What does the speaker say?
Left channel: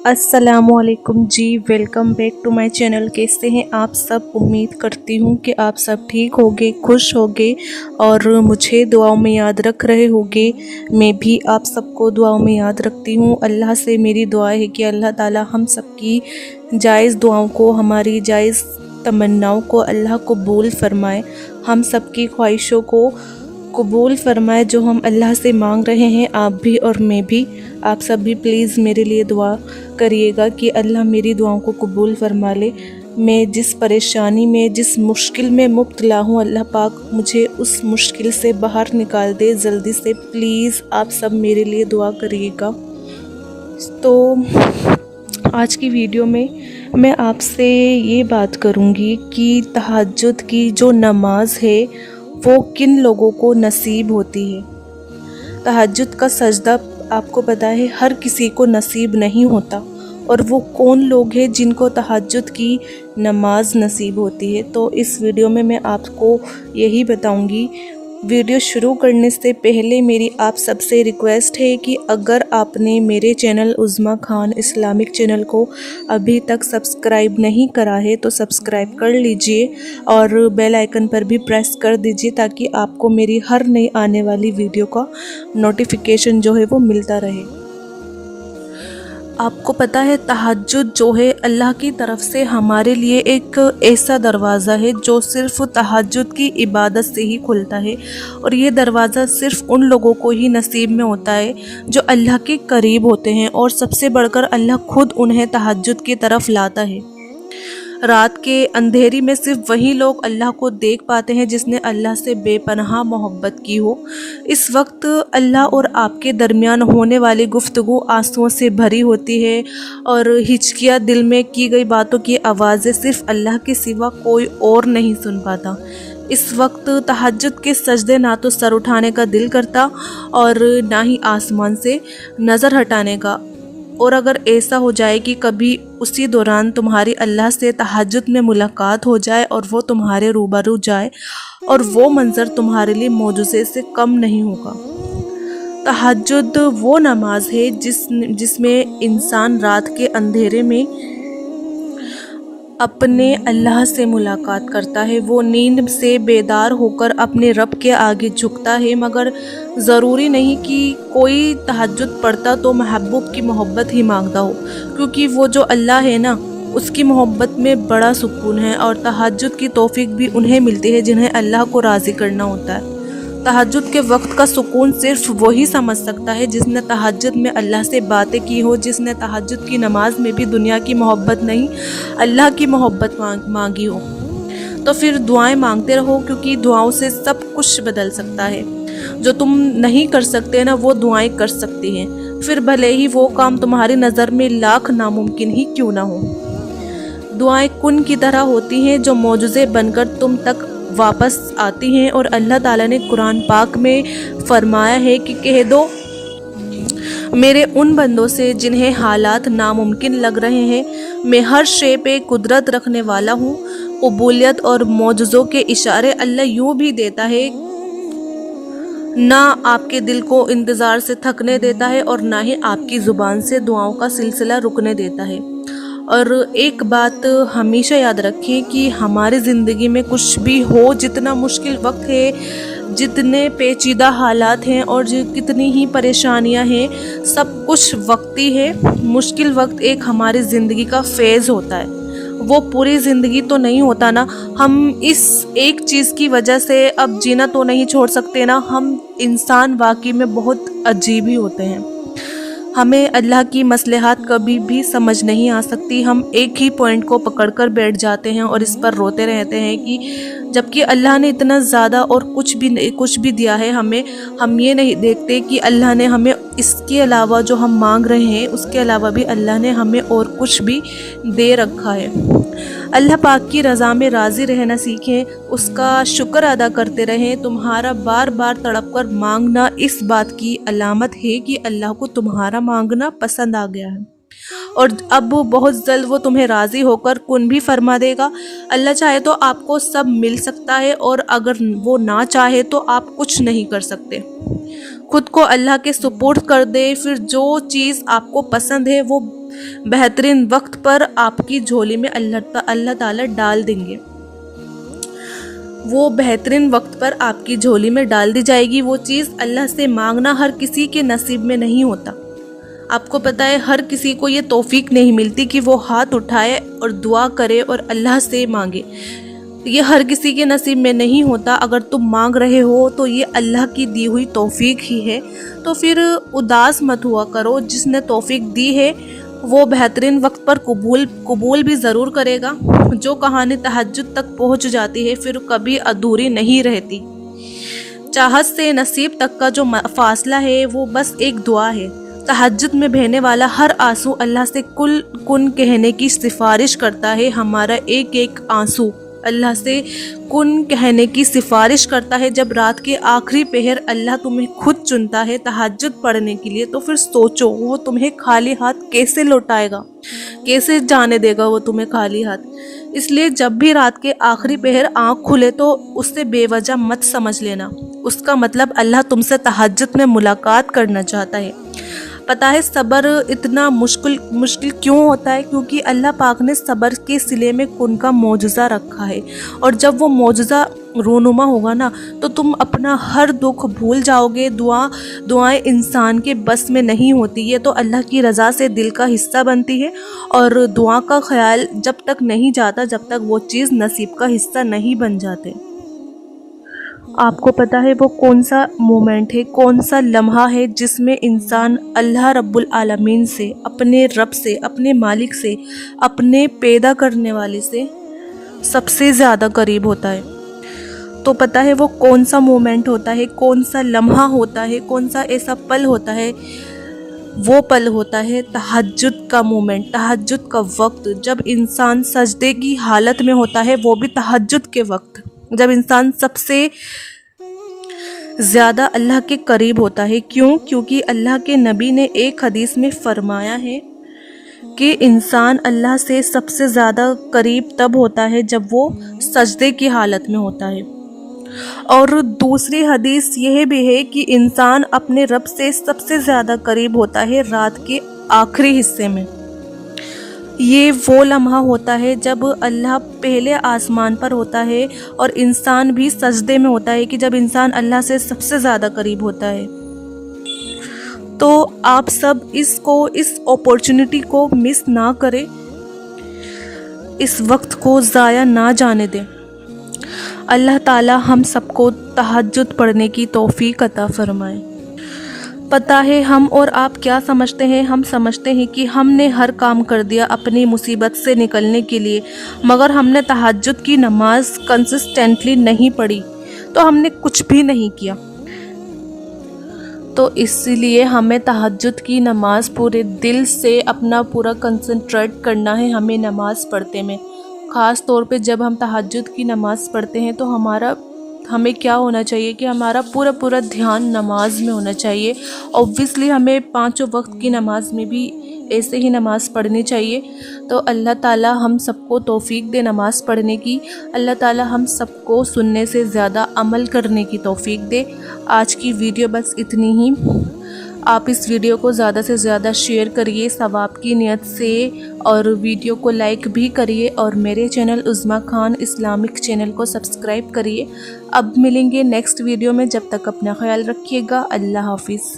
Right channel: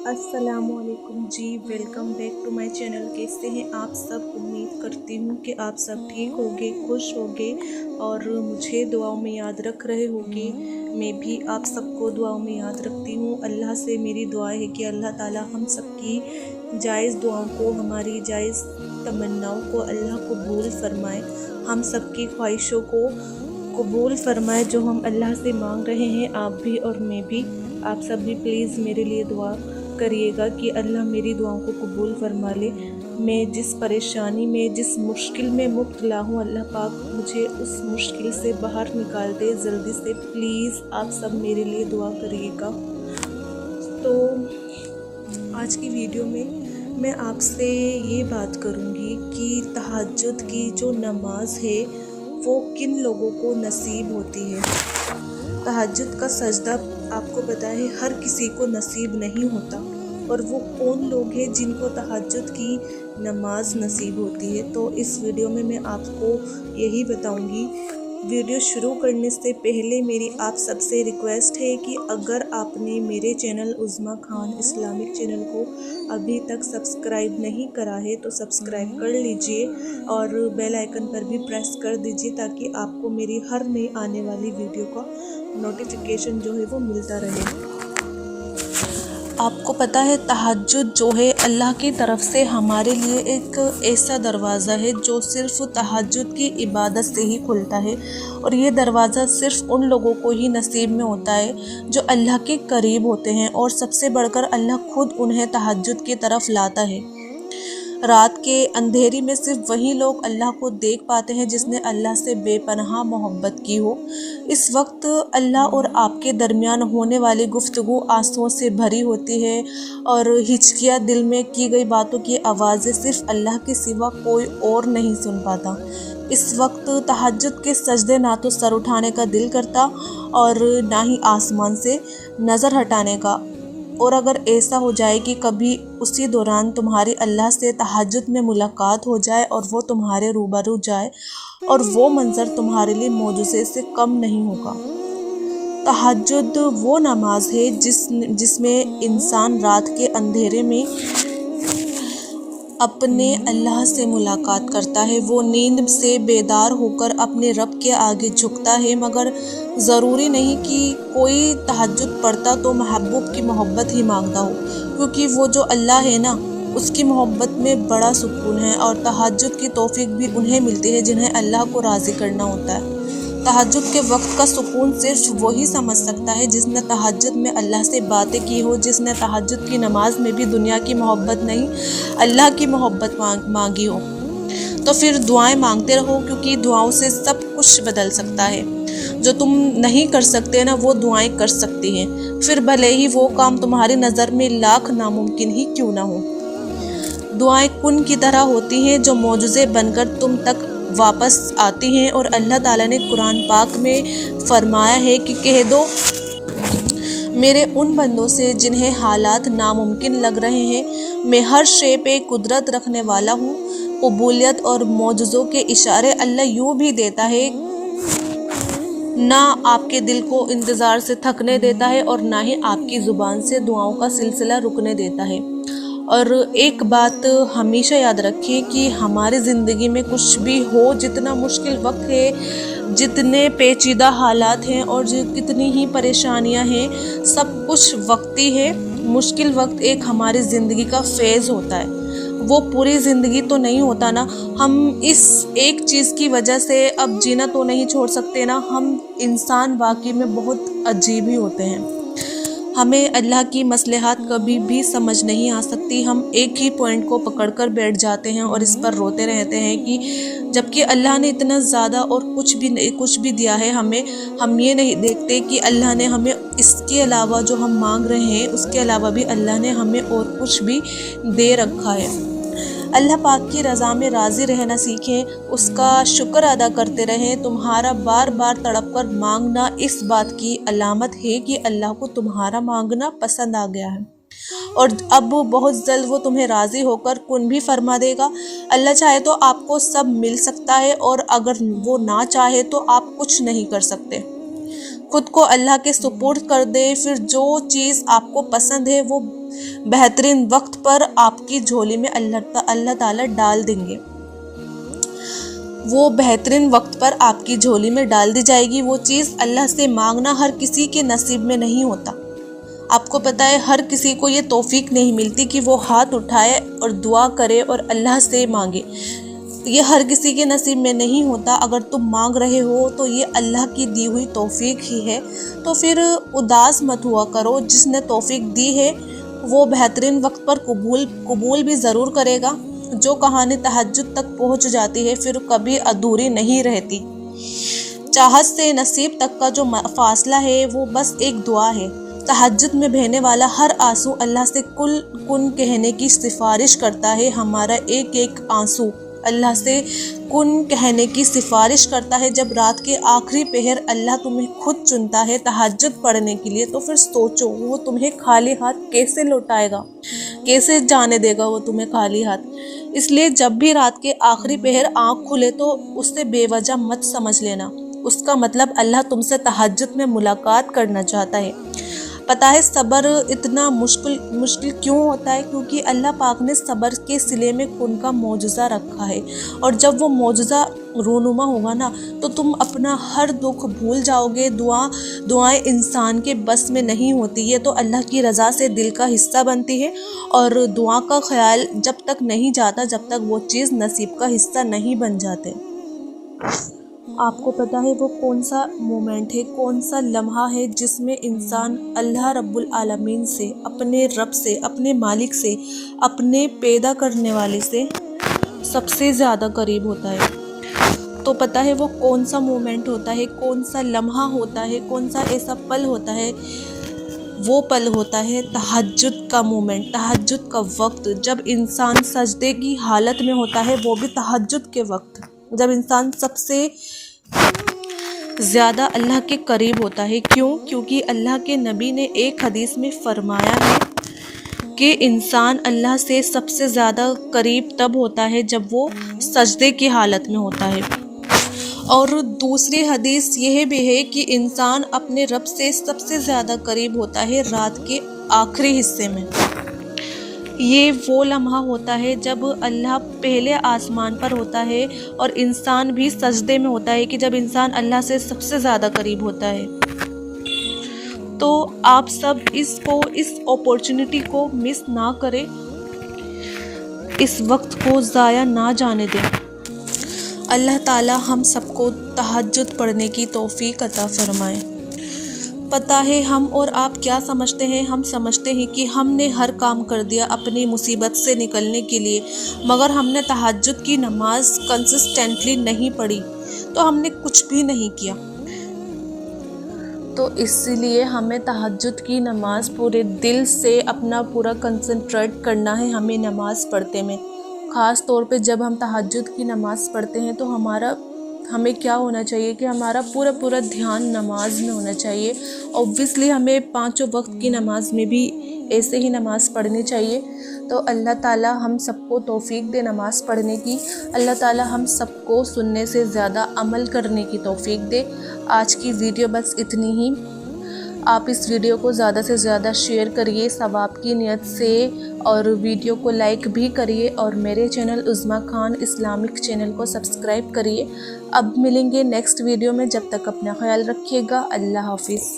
अस्सलामु अलैकुम जी, welcome back to my channel. कैसे हैं आप सब? उम्मीद करती हूँ कि आप सब ठीक होगे, खुश होगे और मुझे दुआओं में याद रख रहे होगे। मैं भी आप सबको दुआओं में याद रखती हूँ। अल्लाह से मेरी दुआ है कि अल्लाह ताला हम सबकी जायज़ दुआओं को, हमारी जायज़ तमन्नाओं को अल्लाह कबूल फ़रमाए, हम सबकी ख्वाहिशों को कबूल फ़रमाए जो हम अल्लाह से मांग रहे हैं। आप भी और मैं भी, आप सब भी प्लीज़ मेरे लिए दुआ करिएगा कि अल्लाह मेरी दुआओं को कबूल फ़रमा ले। मैं जिस परेशानी में, जिस मुश्किल में मुब्तला हूँ, अल्लाह पाक मुझे उस मुश्किल से बाहर निकाल दे जल्दी से। प्लीज़ आप सब मेरे लिए दुआ करिएगा। तो आज की वीडियो में मैं आपसे ये बात करूँगी कि तहज्जुद की जो नमाज है वो किन लोगों को नसीब होती है। तहज्जुद का सजदा आपको पता है हर किसी को नसीब नहीं होता, और वो कौन लोग हैं जिनको तहज्जुद की नमाज नसीब होती है। तो इस वीडियो में मैं आपको यही बताऊंगी। वीडियो शुरू करने से पहले मेरी आप सबसे रिक्वेस्ट है कि अगर आपने मेरे चैनल उज़्मा खान इस्लामिक चैनल को अभी तक सब्सक्राइब नहीं करा है तो सब्सक्राइब कर लीजिए और बेल आइकन पर भी प्रेस कर दीजिए ताकि आपको मेरी हर नई आने वाली वीडियो का नोटिफिकेशन जो है वो मिलता रहे। आपको पता है तहज्जुद जो है अल्लाह की तरफ से हमारे लिए एक ऐसा दरवाज़ा है जो सिर्फ़ तहज्जुद की इबादत से ही खुलता है, और ये दरवाज़ा सिर्फ़ उन लोगों को ही नसीब में होता है जो अल्लाह के करीब होते हैं, और सबसे बढ़कर अल्लाह खुद उन्हें तहज्जुद की तरफ लाता है। रात के अंधेरी में सिर्फ वही लोग अल्लाह को देख पाते हैं जिसने अल्लाह से बेपनाह मोहब्बत की हो। इस वक्त अल्लाह और आपके दरमियान होने वाली गुफ्तगू आंसुओं से भरी होती है, और हिचकियाँ दिल में की गई बातों की आवाज़ें सिर्फ अल्लाह के सिवा कोई और नहीं सुन पाता। इस वक्त तहज्जुद के सजदे ना तो सर उठाने का दिल करता और ना ही आसमान से नज़र हटाने का। और अगर ऐसा हो जाए कि कभी उसी दौरान तुम्हारी अल्लाह से तहज्जुद में मुलाकात हो जाए और वो तुम्हारे रूबरू जाए, और वो मंज़र तुम्हारे लिए मौजूज़े से कम नहीं होगा। तहज्जुद वो नमाज है जिसमें इंसान रात के अंधेरे में अपने अल्लाह से मुलाकात करता है। वो नींद से बेदार होकर अपने रब के आगे झुकता है, मगर ज़रूरी नहीं कि कोई तहज्जुद पढ़ता तो महबूब की मोहब्बत ही मांगता हो, क्योंकि वो जो अल्लाह है ना, उसकी मोहब्बत में बड़ा सुकून है, और तहज्जुद की तौफीक भी उन्हें मिलती है जिन्हें अल्लाह को राज़ी करना होता है। तहज्जुद के वक्त का सुकून सिर्फ वही समझ सकता है जिसने तहज्जुद में अल्लाह से बातें की हो, जिसने तहज्जुद की नमाज में भी दुनिया की मोहब्बत नहीं अल्लाह की मोहब्बत मांगी हो। तो फिर दुआएं मांगते रहो, क्योंकि दुआओं से सब कुछ बदल सकता है। जो तुम नहीं कर सकते ना, वो दुआएं कर सकती हैं, फिर भले ही वो काम तुम्हारी नज़र में लाख नामुमकिन ही क्यों ना हो। दुआएं कुन की तरह होती हैं जो मौजूज़े बनकर तुम तक वापस आती हैं, और अल्लाह ताला ने कुरान पाक में फरमाया है कि कह दो मेरे उन बंदों से जिन्हें हालात नामुमकिन लग रहे हैं, मैं हर शे पे कुदरत रखने वाला हूँ। कबूलियत और मौजूज़ों के इशारे अल्लाह यूँ भी देता है, ना आपके दिल को इंतज़ार से थकने देता है और ना ही आपकी ज़ुबान से दुआओं का सिलसिला रुकने देता है। और एक बात हमेशा याद रखें कि हमारी ज़िंदगी में कुछ भी हो, जितना मुश्किल वक्त है, जितने पेचीदा हालात हैं और कितनी ही परेशानियां हैं, सब कुछ वक्ती है। मुश्किल वक्त एक हमारी ज़िंदगी का फेज़ होता है, वो पूरी ज़िंदगी तो नहीं होता ना। हम इस एक चीज़ की वजह से अब जीना तो नहीं छोड़ सकते ना। हम इंसान वाकई में बहुत अजीब ही होते हैं। हमें अल्लाह की मसलहत कभी भी समझ नहीं आ सकती। हम एक ही पॉइंट को पकड़कर बैठ जाते हैं और इस पर रोते रहते हैं कि जबकि अल्लाह ने इतना ज़्यादा और कुछ भी दिया है हमें, हम ये नहीं देखते कि अल्लाह ने हमें इसके अलावा, जो हम मांग रहे हैं उसके अलावा भी अल्लाह ने हमें और कुछ भी दे रखा है। अल्लाह पाक की रज़ा में राज़ी रहना सीखें, उसका शुक्र अदा करते रहें। तुम्हारा बार बार तड़प कर मांगना इस बात की अलामत है कि अल्लाह को तुम्हारा मांगना पसंद आ गया है, और अब बहुत जल्द वो तुम्हें राज़ी होकर कुन भी फरमा देगा। अल्लाह चाहे तो आपको सब मिल सकता है, और अगर वो ना चाहे तो आप कुछ नहीं कर सकते। خود کو اللہ کے سپرد کر دے، پھر جو چیز آپ کو پسند ہے وہ بہترین وقت پر آپ کی جھولی میں اللہ تعالیٰ ڈال دیں گے، وہ بہترین وقت پر آپ کی جھولی میں ڈال دی جائے گی۔ وہ چیز اللہ سے مانگنا ہر کسی کے نصیب میں نہیں ہوتا۔ آپ کو پتہ ہے ہر کسی کو یہ توفیق نہیں ملتی کہ وہ ہاتھ اٹھائے اور دعا کرے اور اللہ سے مانگے، یہ ہر کسی کے نصیب میں نہیں ہوتا۔ اگر تم مانگ رہے ہو تو یہ اللہ کی دی ہوئی توفیق ہی ہے، تو پھر اداس مت ہوا کرو۔ جس نے توفیق دی ہے وہ بہترین وقت پر قبول بھی ضرور کرے گا۔ جو کہانی تہجد تک پہنچ جاتی ہے پھر کبھی ادھوری نہیں رہتی۔ چاہت سے نصیب تک کا جو فاصلہ ہے وہ بس ایک دعا ہے۔ تہجد میں بہنے والا ہر آنسو اللہ سے کن کہنے کی سفارش کرتا ہے۔ ہمارا ایک ایک آنسو اللہ سے کن کہنے کی سفارش کرتا ہے۔ جب رات کے آخری پہر اللہ تمہیں خود چنتا ہے تہجد پڑھنے کے لیے، تو پھر سوچو وہ تمہیں خالی ہاتھ کیسے لوٹائے گا، کیسے جانے دے گا وہ تمہیں خالی ہاتھ۔ اس لیے جب بھی رات کے آخری پہر آنکھ کھلے تو اس سے بے وجہ مت سمجھ لینا، اس کا مطلب اللہ تم سے تہجد میں ملاقات کرنا چاہتا ہے۔ پتہ ہے صبر اتنا مشکل کیوں ہوتا ہے؟ کیونکہ اللہ پاک نے صبر کے صلے میں کن کا معجزہ رکھا ہے، اور جب وہ معجزہ رونما ہوگا نا تو تم اپنا ہر دکھ بھول جاؤ گے۔ دعائیں انسان کے بس میں نہیں ہوتی، یہ تو اللہ کی رضا سے دل کا حصہ بنتی ہے، اور دعا کا خیال جب تک نہیں جاتا جب تک وہ چیز نصیب کا حصہ نہیں بن جاتے۔ آپ کو پتہ ہے وہ کون سا مومنٹ ہے، کون سا لمحہ ہے جس میں انسان اللہ رب العالمین سے، اپنے رب سے، اپنے مالک سے، اپنے پیدا کرنے والے سے سب سے زیادہ قریب ہوتا ہے؟ تو پتہ ہے وہ کون سا مومنٹ ہوتا ہے، کون سا لمحہ ہوتا ہے، کون سا ایسا پل ہوتا ہے؟ وہ پل ہوتا ہے تہجد کا مومنٹ، تہجد کا وقت، جب انسان سجدے کی حالت میں ہوتا ہے، وہ بھی تہجد کے وقت، جب انسان سب سے زیادہ اللہ کے قریب ہوتا ہے۔ کیونکہ اللہ کے نبی نے ایک حدیث میں فرمایا ہے کہ انسان اللہ سے سب سے زیادہ قریب تب ہوتا ہے جب وہ سجدے کی حالت میں ہوتا ہے، اور دوسری حدیث یہ بھی ہے کہ انسان اپنے رب سے سب سے زیادہ قریب ہوتا ہے رات کے آخری حصے میں۔ یہ وہ لمحہ ہوتا ہے جب اللہ پہلے آسمان پر ہوتا ہے اور انسان بھی سجدے میں ہوتا ہے، کہ جب انسان اللہ سے سب سے زیادہ قریب ہوتا ہے۔ تو آپ سب اس اپورچونٹی کو مس نہ کریں، اس وقت کو ضائع نہ جانے دیں۔ اللہ تعالی ہم سب کو تہجد پڑھنے کی توفیق عطا فرمائے۔ پتہ ہے ہم اور آپ کیا سمجھتے ہیں؟ ہم سمجھتے ہیں کہ ہم نے ہر کام کر دیا اپنی مصیبت سے نکلنے کے لیے، مگر ہم نے تہجد کی نماز کنسسٹنٹلی نہیں پڑھی تو ہم نے کچھ بھی نہیں کیا۔ تو اس لیے ہمیں تہجد کی نماز پورے دل سے اپنا پورا کنسنٹریٹ کرنا ہے ہمیں نماز پڑھتے میں۔ خاص طور پہ جب ہم تہجد کی نماز پڑھتے ہیں تو ہمیں کیا ہونا چاہیے کہ ہمارا پورا دھیان نماز میں ہونا چاہیے۔ اوبویسلی ہمیں 5 وقت کی نماز میں بھی ایسے ہی نماز پڑھنی چاہیے۔ تو اللہ تعالیٰ ہم سب کو توفیق دے نماز پڑھنے کی، اللہ تعالیٰ ہم سب کو سننے سے زیادہ عمل کرنے کی توفیق دے۔ آج کی ویڈیو بس اتنی ہی۔ آپ اس ویڈیو کو زیادہ سے زیادہ شیئر کریے ثواب کی نیت سے، اور ویڈیو کو لائک بھی کریے، اور میرے چینل عظمیٰ خان اسلامک چینل کو سبسکرائب کریے۔ اب ملیں گے نیکسٹ ویڈیو میں، جب تک اپنا خیال رکھیے گا۔ اللہ حافظ۔